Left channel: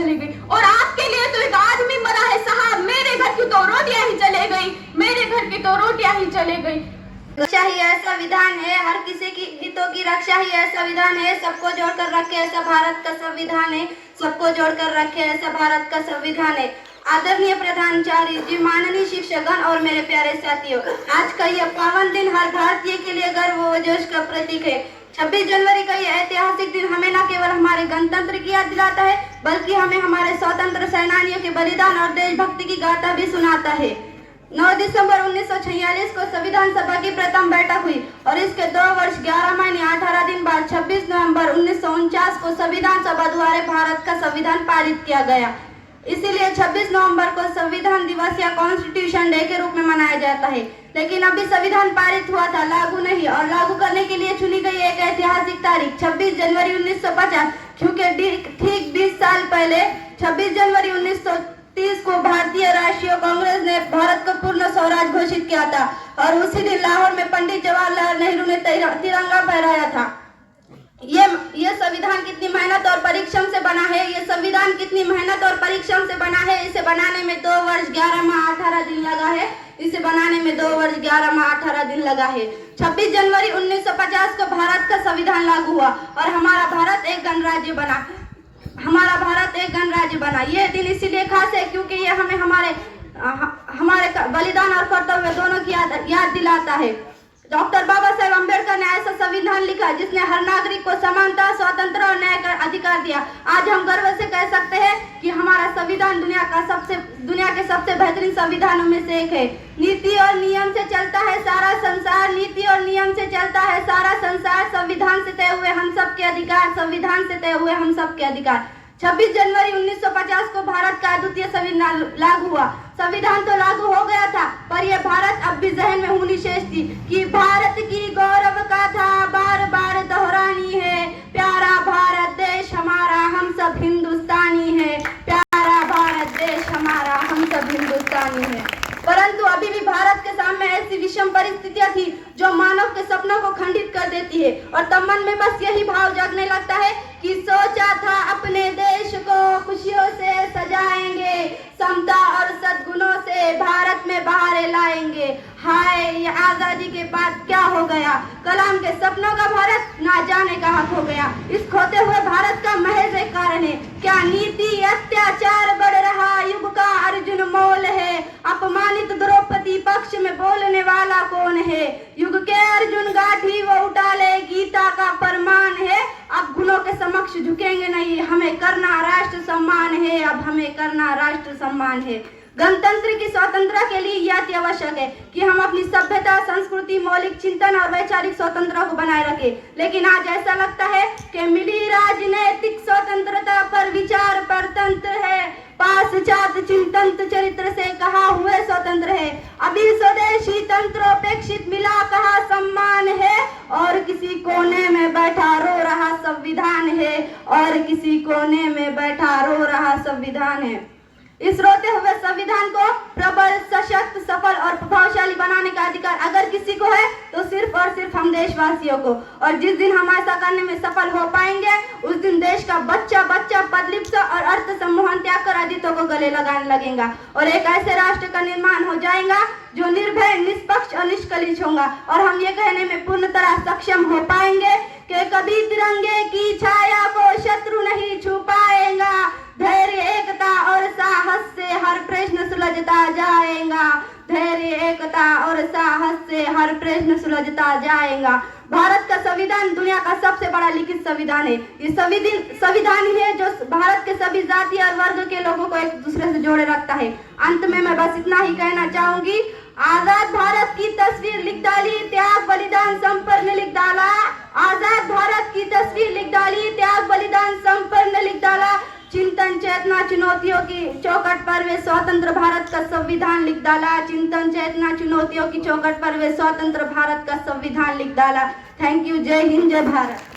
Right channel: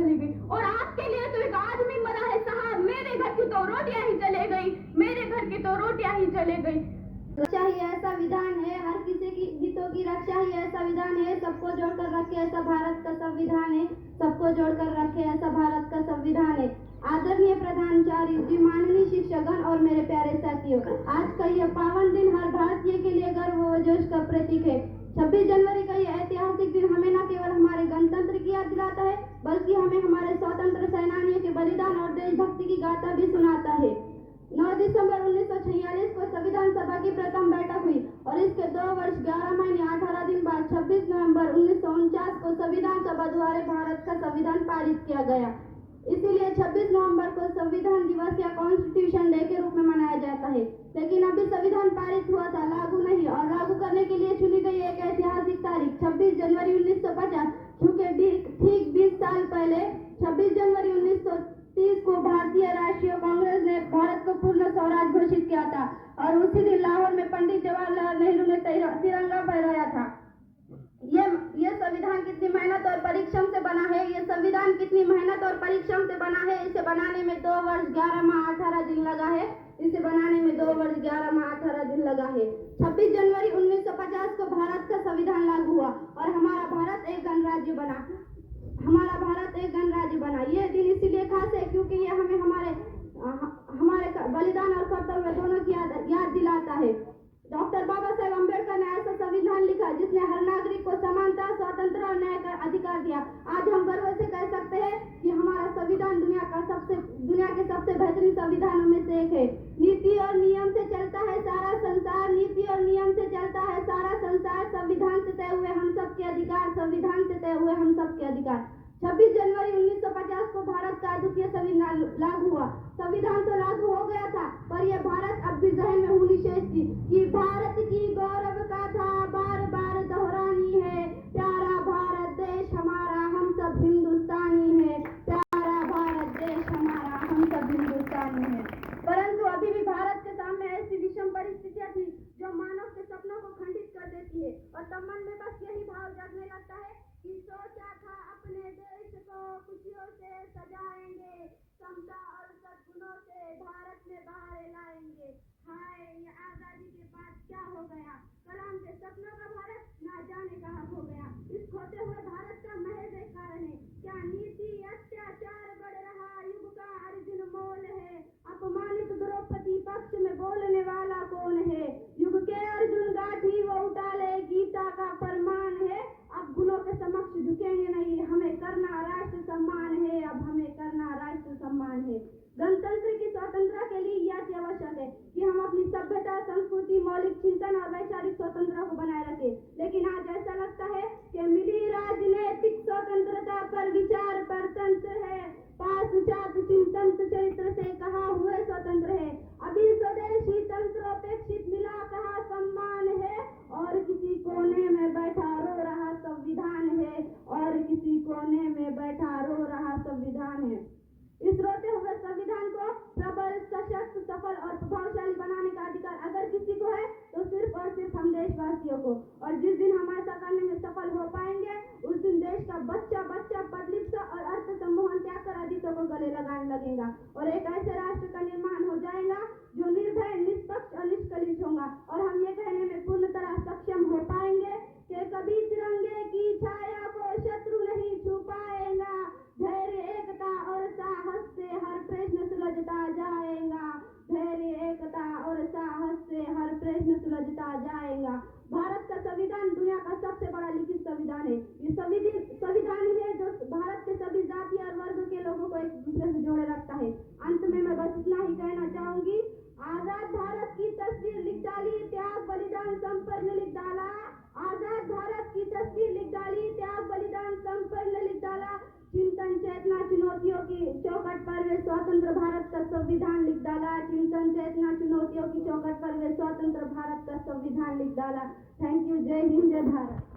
चली गई। और आपके लिए तो एक आदमी मरा है साहब, मेरे घर की तो रोटियां ही चले गई, मेरे घर की तो रोटियां ही चले गई। रक्षा ही ऐसा विधान है, हर किसी की हितों की रक्षा ही ऐसा विधान है, सबको जोड़कर रखे ऐसा भारत का संविधान है, सबको जोड़कर रखे ऐसा भारत का संविधान है। आदरणीय प्रधानाचार्य जी, माननीय शिक्षकगण और मेरे प्यारे साथियों, आज का यह पावन दिन हर भारतीय के लिए गर्व व जोश का प्रतीक है। 26 जनवरी का यह ऐतिहासिक दिन हमें न केवल हमारे गणतंत्र की याद दिलाता है, बल्कि हमें हमारे स्वतंत्र सेनानियों के बलिदान और देशभक्ति की गाथा भी सुनाता है। 9 दिसंबर 1946 को संविधान सभा की प्रथम बैठक हुई और इसके 2 वर्ष 11 महीने 18 दिन बाद 26 नवंबर 1949 को संविधान सभा द्वारा भारत का संविधान पारित किया गया। इसीलिए 26 नवंबर को संविधान दिवस या कॉन्स्टिट्यूशन डे के रूप में मनाया जाता है। लेकिन अभी संविधान पारित हुआ था, लागू नहीं, और लागू करने के लिए चुनी गई एक ऐतिहासिक तारीख 26 जनवरी 1950, क्योंकि ठीक 20 साल पहले 26 जनवरी 1930 को भारतीय राष्ट्रीय कांग्रेस ने भारत को पूर्ण स्वराज घोषित किया था और उसी दिन लाहौर में पंडित जवाहरलाल नेहरू ने तिरंगा फहराया था। ये संविधान कितनी मेहनत और परिश्रम से बना है, ये संविधान कितनी मेहनत और परिश्रम से बना है। इसे बनाने में 2 वर्ष 11 माह 18 दिन लगा है, इसे बनाने में 2 वर्ष 11 माह 18 दिन लगा है। 26 जनवरी 1950 को भारत का संविधान लागू हुआ और हमारा भारत एक गणराज्य बना। ये दिन इसीलिए खास है क्योंकि ये हमें हमारे बलिदान और कर्तव्य दोनों की याद दिलाता है। डॉक्टर बाबा साहेब अम्बेडकर ने ऐसा संविधान लिखा जिसने हर नागरिक को समानता, स्वतंत्रता और न्याय का अधिकार दिया। आज हम गर्व से कह सकते हैं कि हमारा संविधान दुनिया के सबसे बेहतरीन संविधानों में से एक है। नीति और नियम से चलता है सारा संसार, नीति और नियम से चलता है सारा संसार, संविधान से तय हुए हम सबके अधिकार, संविधान से तय हुए हम सबके अधिकार। 26 जनवरी 1950 को भारत का अद्वितीय संविधान लागू हुआ। संविधान तो लागू हो गया था, पर यह भारत अब भी जहन में होनी शेष थी कि भारत की गौरव गाथा बार बार दोहरानी है। प्यारा भारत देश हमारा, हम सब हिंदुस्तानी है। प्यारा भारत देश हमारा, हम सब हिंदुस्तानी है। परंतु अभी भी भारत के सामने ऐसी विषम परिस्थितियां थी जो मानव के सपनों को खंडित कर देती है और तब मन में बस यही भाव जागने लगता है कि सोचा था अपने देश को खुशियों से सजाएंगे, समता और सद्गुणों से भारत में बहारें लाएंगे। हाय, ये आजादी के बाद क्या हो गया। कलाम के सपनों का भारत ना जाने कहाँ खो गया। इस खोते हुए भारत का महज एक कारण है, क्या नीति अत्याचार बढ़ रहा युग का अर्जुन मोल है। अपमानित द्रौपदी पक्ष में बोलने वाला कौन है। युग के अर्जुन गाठी वो उठा ले, गीता का फरमान है। अब गुणों के समक्ष झुकेंगे नहीं, हमें करना राष्ट्र सम्मान है। अब हमें करना राष्ट्र सम्मान है। गणतंत्र की स्वतंत्रता के लिए यह अति आवश्यक है कि हम अपनी सभ्यता, संस्कृति, मौलिक चिंतन और वैचारिक स्वतंत्रता को बनाए रखें। लेकिन आज ऐसा लगता है कि मिली राजनैतिक स्वतंत्रता पर विचार परतंत्र है, पाश्चात्य चिंतन चरित्र से कहा हुए स्वतंत्र है। अभी स्वदेशी तंत्रोपेक्षित मिला कहा सम्मान है और किसी कोने में बैठा रो रहा संविधान है, और किसी कोने में बैठा रो रहा संविधान है। इस रोते हुए संविधान को प्रबल, सशक्त, सफल और प्रभावशाली बनाने का अधिकार अगर किसी को है तो सिर्फ और सिर्फ हम देशवासियों को। और जिस दिन हम ऐसा करने में सफल हो पाएंगे उस दिन देश का बच्चा पदलिप्सा और अर्थ सम्मोहन त्याग कर आदित्यों को गले लगाने लगेगा और एक ऐसे राष्ट्र का निर्माण हो जाएगा जो निर्भय, निष्पक्ष और निष्कलंक होगा। और हम ये कहने में पूर्ण तरह सक्षम हो पाएंगे कि कभी तिरंगे की छाया को शत्रु नहीं छू पाएगा। धैर्य, एकता और साहस से हर प्रश्न सुलझता जाएगा। धैर्य, एकता और साहस से हर प्रश्न सुलझता जाएगा। भारत का संविधान दुनिया का सबसे बड़ा लिखित संविधान है। ये संविधान ही है जो भारत के सभी जाति और वर्ग के लोगों को एक दूसरे से जोड़े रखता है। अंत में मैं बस इतना ही कहना चाहूंगी, आजाद भारत की तस्वीर लिख डाली, त्याग बलिदान संपन्न लिख डाला। आजाद भारत की तस्वीर लिख डाली, त्याग बलिदान संपन्न लिख डाला। चिंतन चेतना चुनौतियों की चौखट पर वे स्वतंत्र भारत का संविधान लिख डाला। चिंतन चेतना चुनौतियों की चौखट पर वे स्वतंत्र भारत का संविधान लिख डाला। Thank you. जय हिंद, जय भारत।